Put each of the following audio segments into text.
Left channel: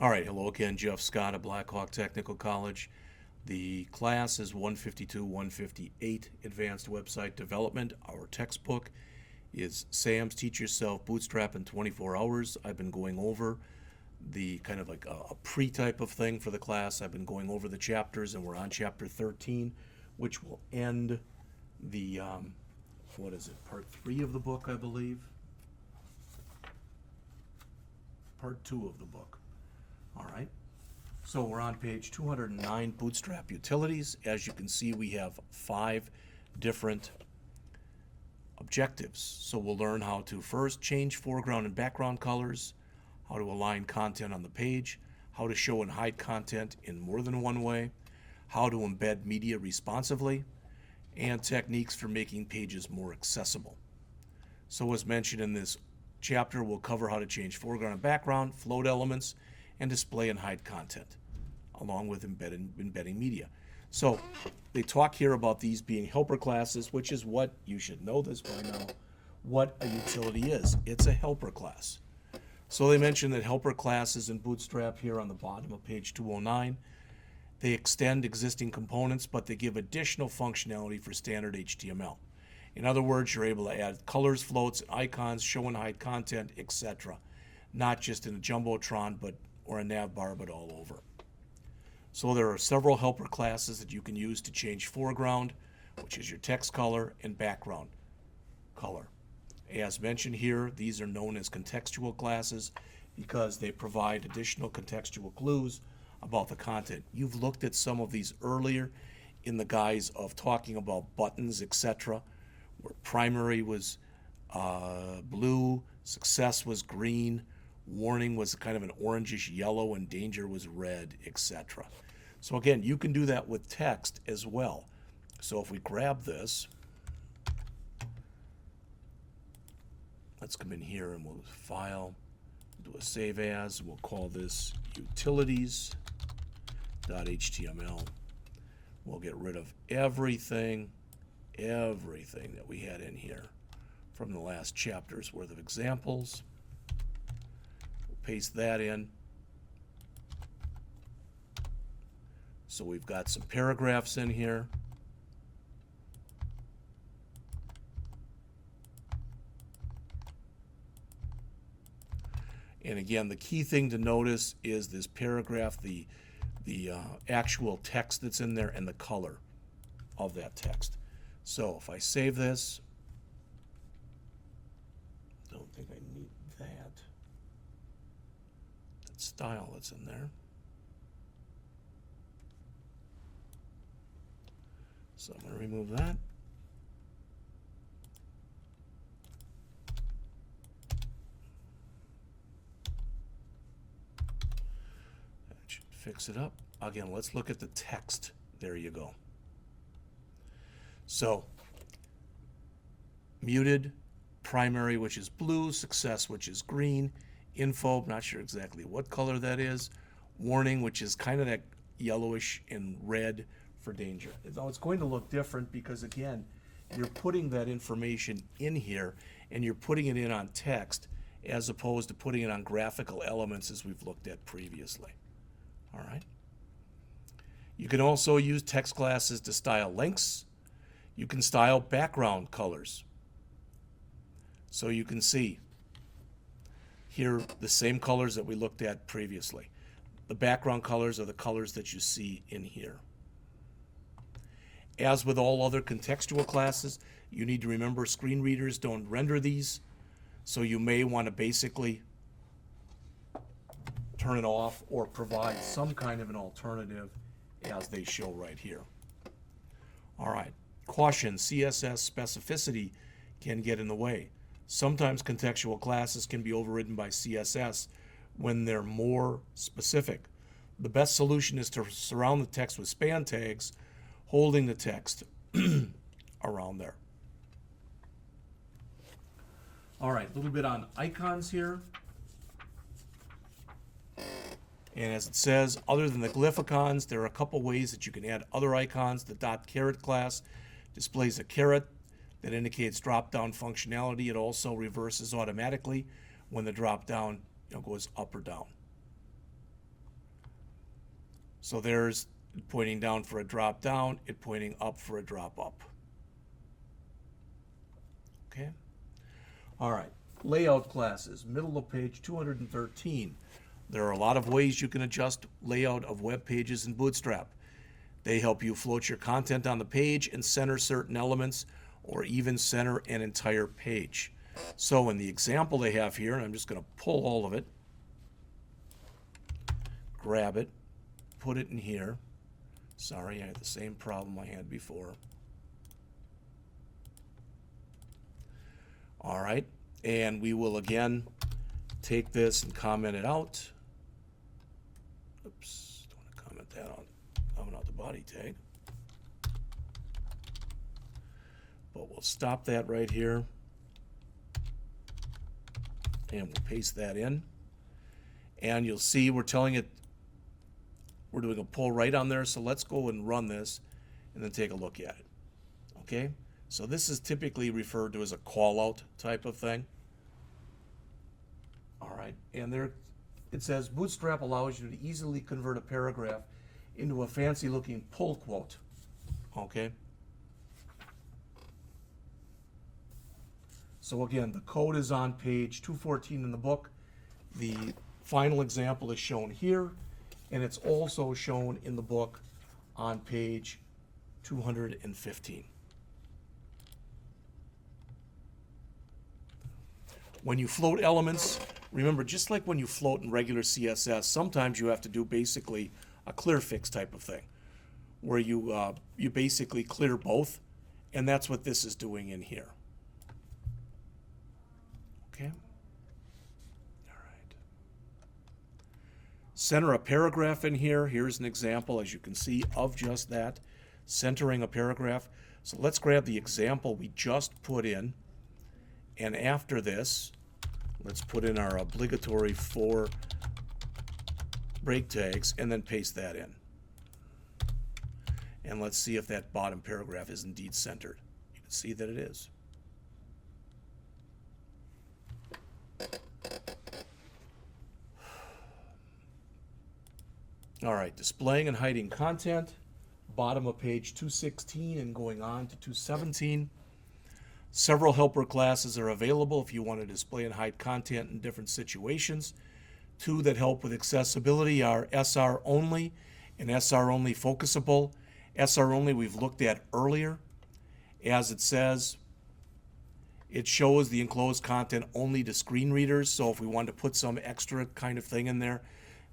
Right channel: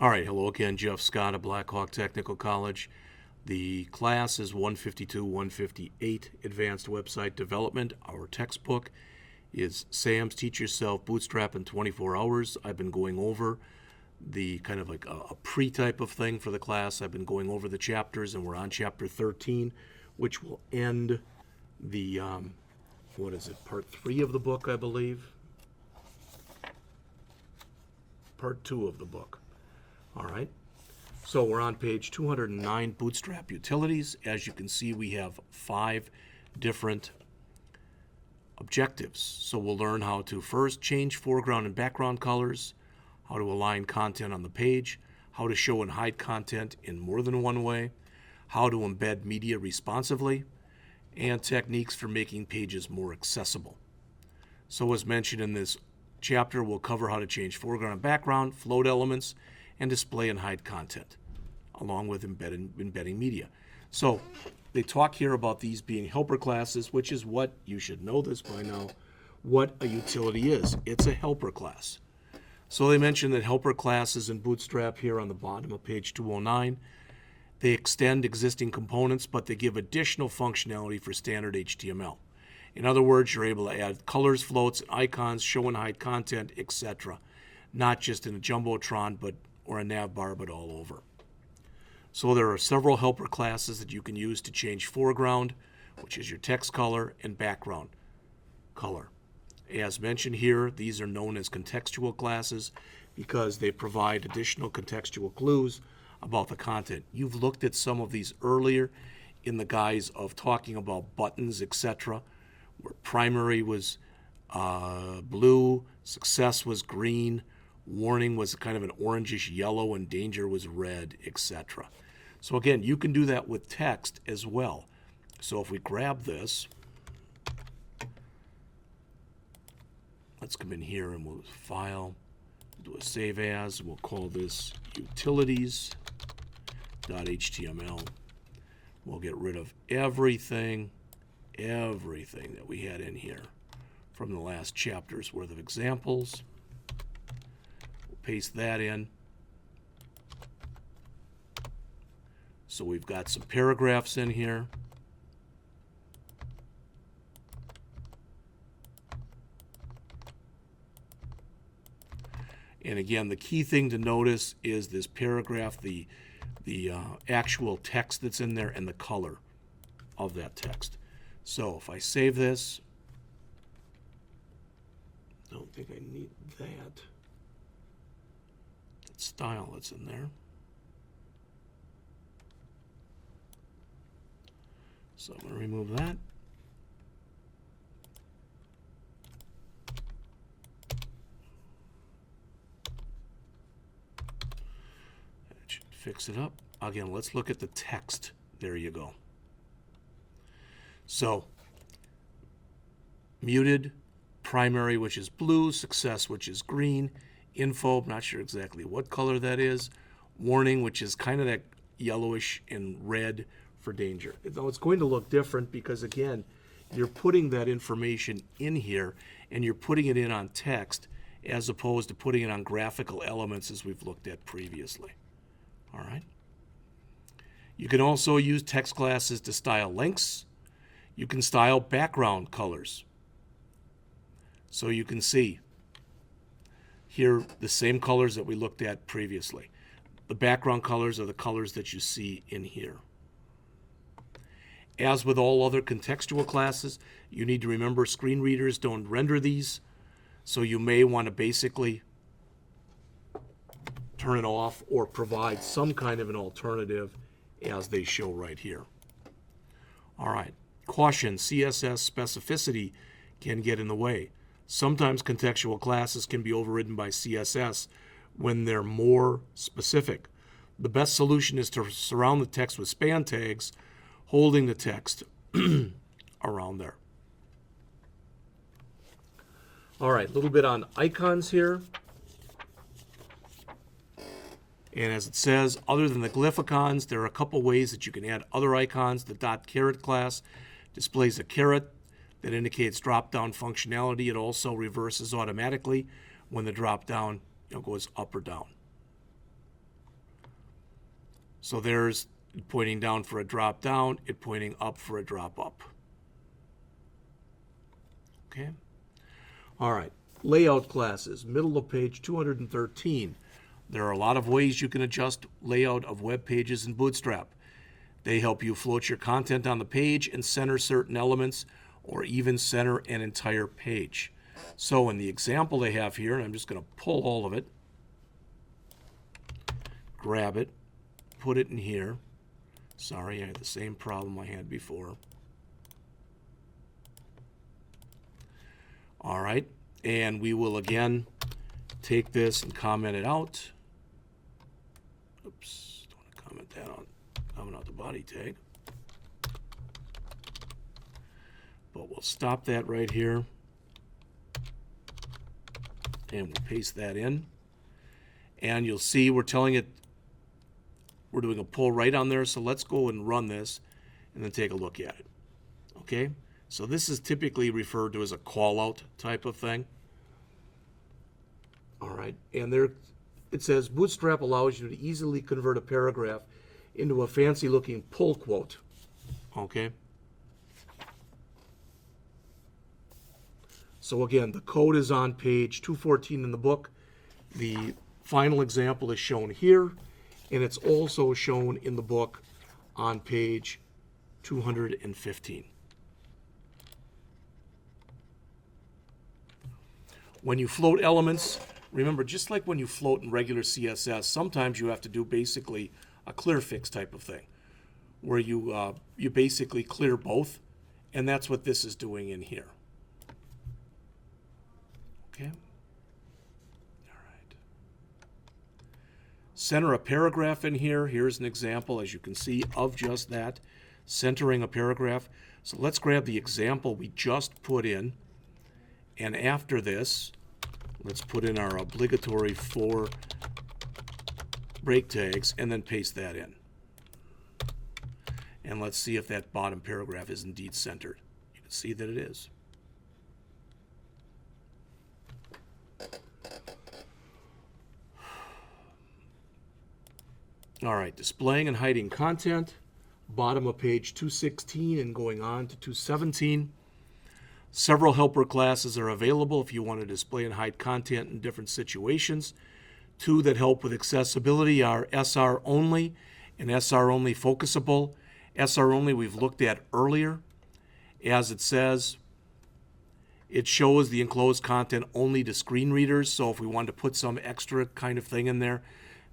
All right, hello again, Jeff Scott of Blackhawk Technical College. The class is 152-158, Advanced Website Development. Our textbook is Sam's Teach Yourself Bootstrap in 24 Hours. I've been going over the kind of like a pre-type of thing for the class. I've been going over the chapters, and we're on Chapter 13, which will end the, part 3 of the book, I believe? Part 2 of the book. All right, so we're on page 209, Bootstrap Utilities. As you can see, we have 5 different objectives. So we'll learn how to first change foreground and background colors, how to align content on the page, how to show and hide content in more than one way, how to embed media responsively, and techniques for making pages more accessible. So as mentioned in this chapter, we'll cover how to change foreground and background, float elements, and display and hide content, along with embedding media. So they talk here about these being helper classes, which is what, you should know this by now, what a utility is. It's a helper class. So they mention that helper classes in Bootstrap here on the bottom of page 209, they extend existing components, but they give additional functionality for standard HTML. In other words, you're able to add colors, floats, icons, show and hide content, etc. Not just in a Jumbotron, or a nav bar, but all over. So there are several helper classes that you can use to change foreground, which is your text color, and background color. As mentioned here, these are known as contextual classes because they provide additional contextual clues about the content. You've looked at some of these earlier in the guise of talking about buttons, etc., where primary was blue, success was green, warning was kind of an orangish yellow, and danger was red, etc. So again, you can do that with text as well. So if we grab this, let's come in here and we'll file, do a save as, we'll call this utilities.html. We'll get rid of everything that we had in here from the last chapter's worth of examples. Paste that in. So we've got some paragraphs in here. And again, the key thing to notice is this paragraph, the actual text that's in there and the color of that text. So if I save this, don't think I need that. Style that's in there. So I'm going to remove that. That should fix it up. Again, let's look at the text. There you go. So, muted, primary, which is blue, success, which is green, info, I'm not sure exactly what color that is, warning, which is kind of that yellowish, and red for danger. Now it's going to look different because again, you're putting that information in here and you're putting it in on text as opposed to putting it on graphical elements as we've looked at previously. All right. You can also use text classes to style links. You can style background colors. So you can see here the same colors that we looked at previously. The background colors are the colors that you see in here. As with all other contextual classes, you need to remember screen readers don't render these, so you may want to basically turn it off or provide some kind of an alternative as they show right here. All right, caution, CSS specificity can get in the way. Sometimes contextual classes can be overridden by CSS when they're more specific. The best solution is to surround the text with span tags, holding the text around there. All right, a little bit on icons here. And as it says, other than the glyph icons, there are a couple ways that you can add other icons. The .caret class displays a caret that indicates drop-down functionality. It also reverses automatically when the drop-down goes up or down. So there's it pointing down for a drop down, it pointing up for a drop up. Okay. All right. Layout classes, middle of page 213. There are a lot of ways you can adjust layout of web pages in Bootstrap. They help you float your content on the page and center certain elements, or even center an entire page. So in the example they have here, and I'm just going to pull all of it, grab it, put it in here. Sorry, I had the same problem I had before. All right, and we will again take this and comment it out. Oops, don't want to comment that on. Comment out the body tag. But we'll stop that right here. And we'll paste that in. And you'll see we're telling it we're doing a pull right on there. So let's go and run this and then take a look at it. Okay? So this is typically referred to as a call out type of thing. All right. And there it says Bootstrap allows you to easily convert a paragraph into a fancy looking pull quote. Okay? So again, the code is on page 214 in the book. The final example is shown here, and it's also shown in the book on page 215. When you float elements, remember, just like when you float in regular CSS, sometimes you have to do basically a clear fix type of thing, where you basically clear both, and that's what this is doing in here. Okay. All right. Center a paragraph in here. Here's an example, as you can see, of just that, centering a paragraph. So let's grab the example we just put in, and after this, let's put in our obligatory 4 break tags and then paste that in. And let's see if that bottom paragraph is indeed centered. You can see that it is. All right, displaying and hiding content, bottom of page 216 and going on to 217. Several helper classes are available if you want to display and hide content in different situations. 2 that help with accessibility are SR only and SR only focusable. SR only we've looked at earlier. As it says, it shows the enclosed content only to screen readers. So if we wanted to put some extra kind of thing in there,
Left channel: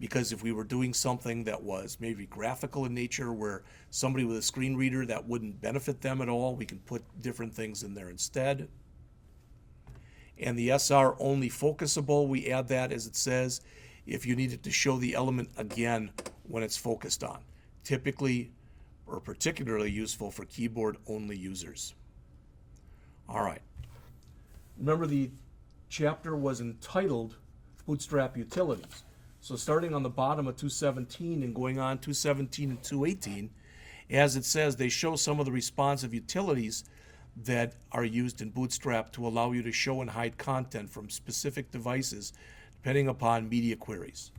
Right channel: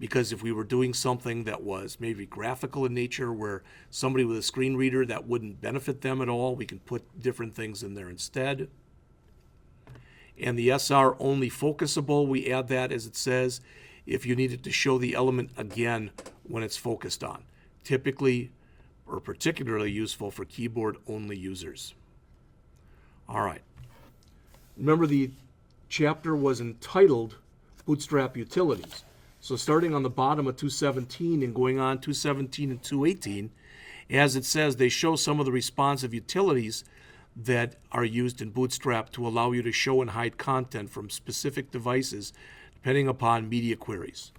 because if we were doing something that was maybe graphical in nature where somebody with a screen reader, that wouldn't benefit them at all, we can put different things in there instead. And the SR only focusable, we add that as it says if you needed to show the element again when it's focused on. Typically or particularly useful for keyboard only users. All right. Remember the chapter was entitled Bootstrap Utilities. So starting on the bottom of 217 and going on 217 and 218, as it says, they show some of the responsive utilities that are used in Bootstrap to allow you to show and hide content from specific devices depending upon media queries.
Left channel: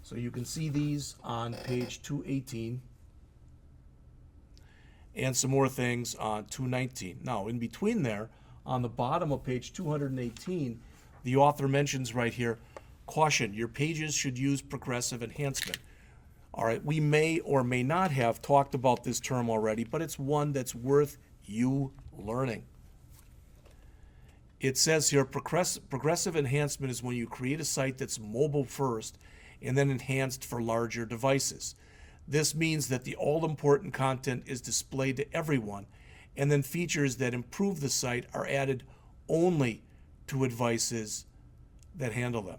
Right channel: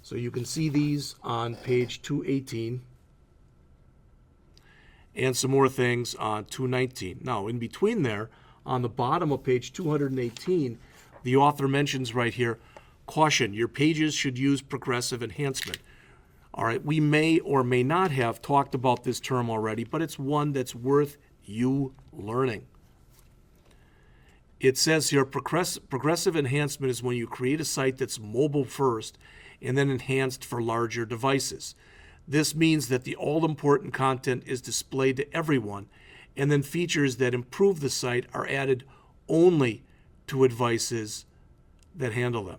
So you can see these on page 218 and some more things on 219. Now, in between there, on the bottom of page 218, the author mentions right here, caution, your pages should use progressive enhancement. All right, we may or may not have talked about this term already, but it's one that's worth you learning. It says here, progressive enhancement is when you create a site that's mobile first and then enhanced for larger devices. This means that the all-important content is displayed to everyone, and then features that improve the site are added only to devices that handle them.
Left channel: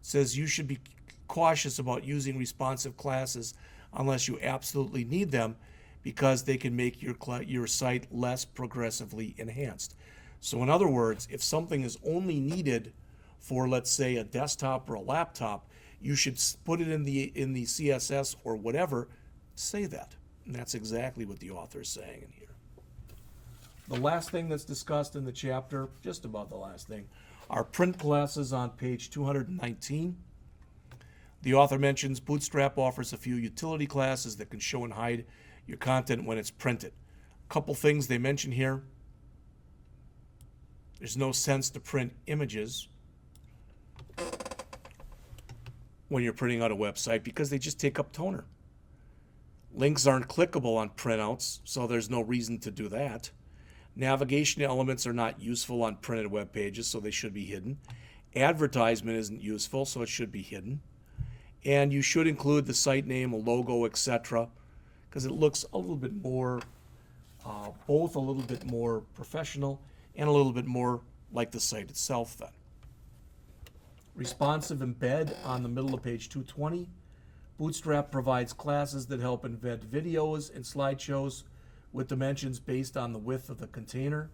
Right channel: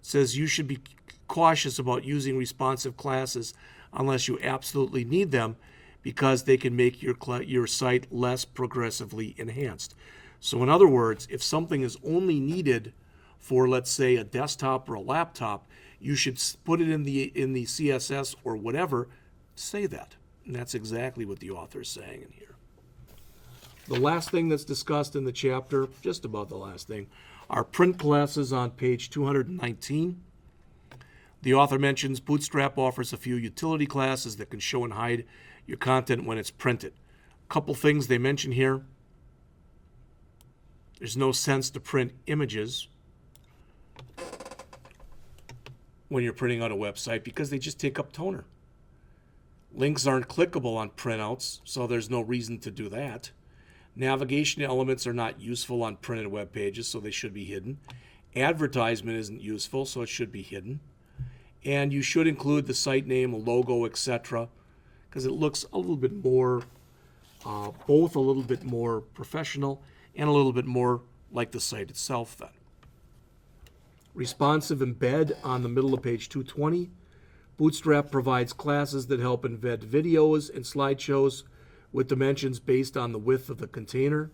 It says you should be cautious about using responsive classes unless you absolutely need them, because they can make your site less progressively enhanced. So in other words, if something is only needed for, let's say, a desktop or a laptop, you should put it in the CSS or whatever, say that. And that's exactly what the author is saying in here. The last thing that's discussed in the chapter, just about the last thing, are print classes on page 219. The author mentions Bootstrap offers a few utility classes that can show and hide your content when it's printed. A couple things they mention here. There's no sense to print images when you're printing out a website because they just take up toner. Links aren't clickable on printouts, so there's no reason to do that. Navigation elements are not useful on printed web pages, so they should be hidden. Advertisement isn't useful, so it should be hidden. And you should include the site name, a logo, etc., because it looks a little bit more, both a little bit more professional and a little bit more like the site itself then. Responsive embed on the middle of page 220. Bootstrap provides classes that help embed videos and slideshows with dimensions based on the width of the container.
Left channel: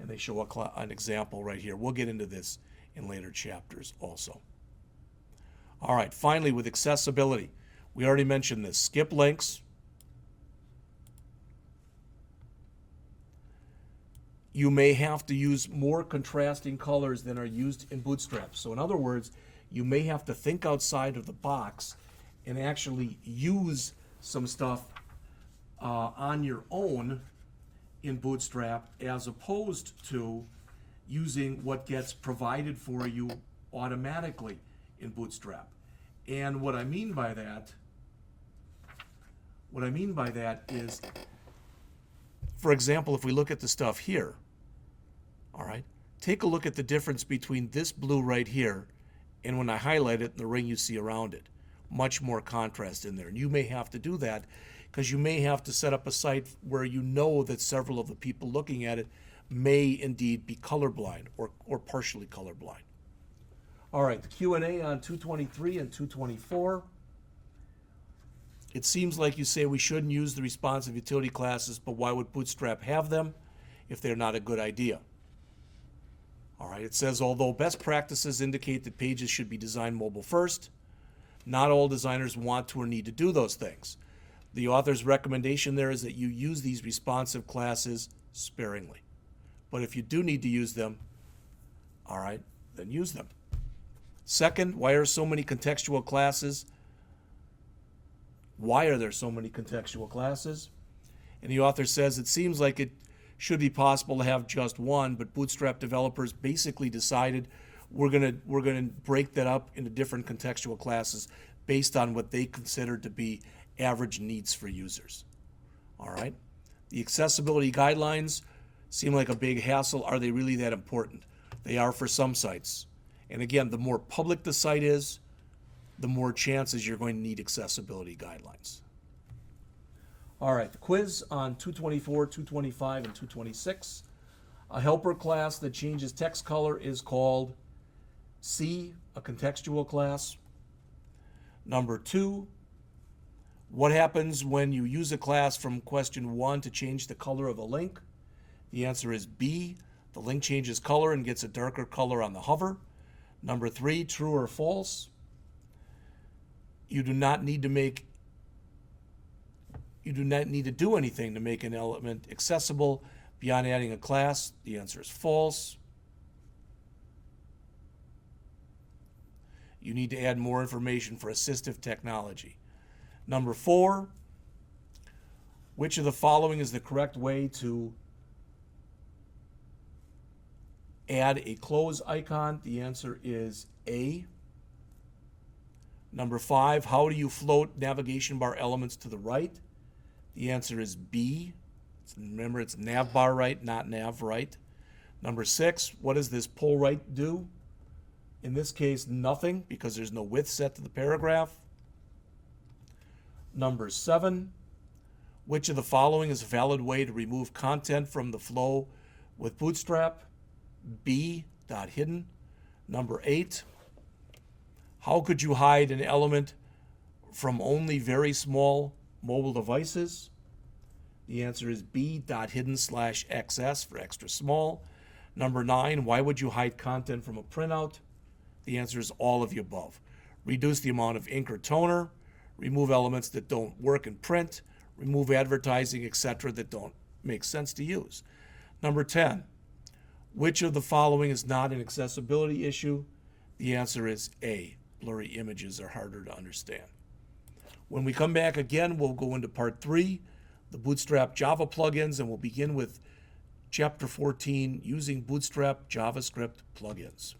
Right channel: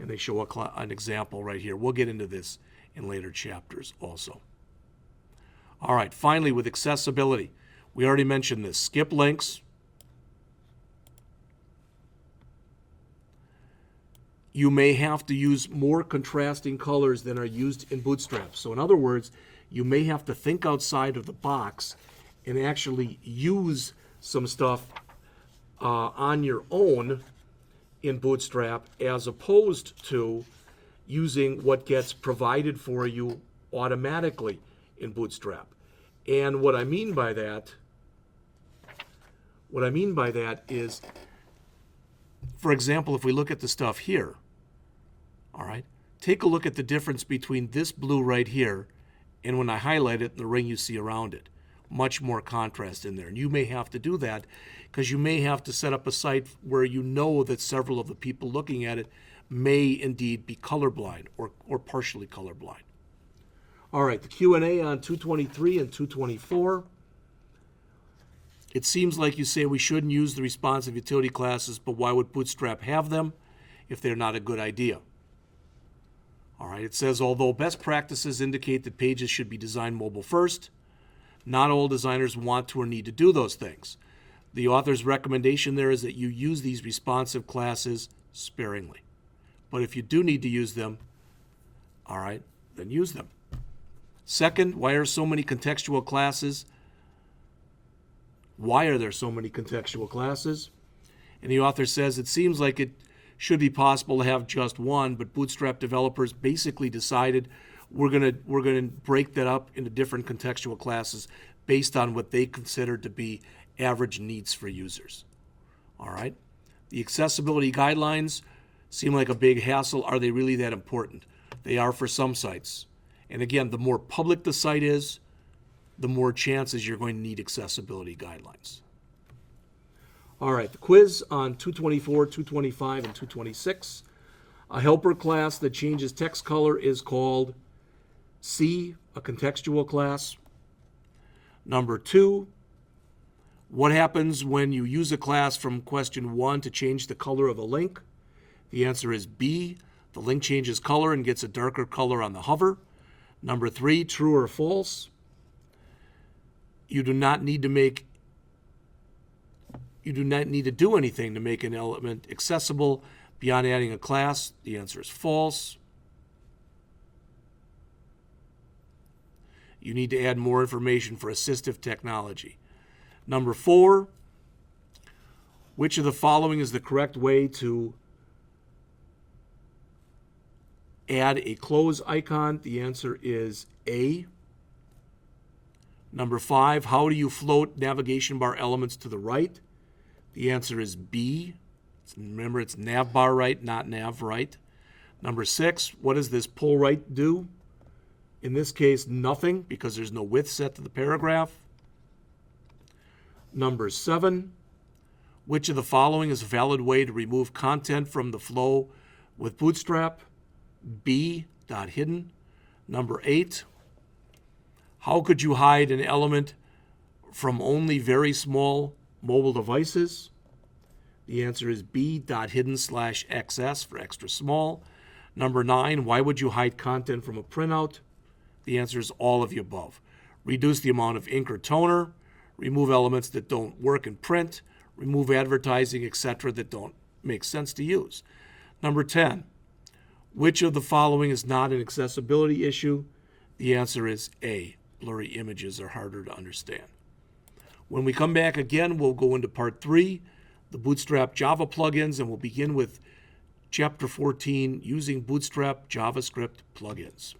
And they show an example right here. We'll get into this in later chapters also. All right, finally with accessibility. We already mentioned this. Skip links. You may have to use more contrasting colors than are used in Bootstrap. So in other words, you may have to think outside of the box and actually use some stuff on your own in Bootstrap as opposed to using what gets provided for you automatically in Bootstrap. And what I mean by that is, for example, if we look at the stuff here, all right, take a look at the difference between this blue right here and when I highlight it, the ring you see around it. Much more contrast in there. And you may have to do that because you may have to set up a site where you know that several of the people looking at it may indeed be colorblind or partially colorblind. All right, the Q&A on 223 and 224. It seems like you say we shouldn't use the responsive utility classes, but why would Bootstrap have them if they're not a good idea? All right, it says, although best practices indicate that pages should be designed mobile first, not all designers want to or need to do those things. The author's recommendation there is that you use these responsive classes sparingly. But if you do need to use them, all right, then use them. Second, why are so many contextual classes? Why are there so many contextual classes? And the author says it seems like it should be possible to have just one, but Bootstrap developers basically decided we're gonna break that up into different contextual classes based on what they consider to be average needs for users. All right. The accessibility guidelines seem like a big hassle. Are they really that important? They are for some sites. And again, the more public the site is, the more chances you're going to need accessibility guidelines. All right, the quiz on 224, 225, and 226. A helper class that changes text color is called C, a contextual class. Number 2, what happens when you use a class from question 1 to change the color of a link? The answer is B, the link changes color and gets a darker color on the hover. Number 3, true or false? You do not need to do anything to make an element accessible beyond adding a class. The answer is false. You need to add more information for assistive technology. Number 4, which of the following is the correct way to add a close icon? The answer is A. Number 5, how do you float navigation bar elements to the right? The answer is B. Remember, it's nav bar right, not nav right. Number 6, what does this pull right do? In this case, nothing, because there's no width set to the paragraph. Number 7, which of the following is a valid way to remove content from the flow with Bootstrap? B, dot hidden. Number 8, how could you hide an element from only very small mobile devices? The answer is B, dot hidden slash XS for extra small. Number 9, why would you hide content from a printout? The answer is all of the above. Reduce the amount of ink or toner, remove elements that don't work in print, remove advertising, etc. that don't make sense to use. Number 10, which of the following is not an accessibility issue? The answer is A, blurry images are harder to understand. When we come back again, we'll go into part 3, the Bootstrap Java plugins, and we'll begin with Chapter 14, using Bootstrap JavaScript plugins.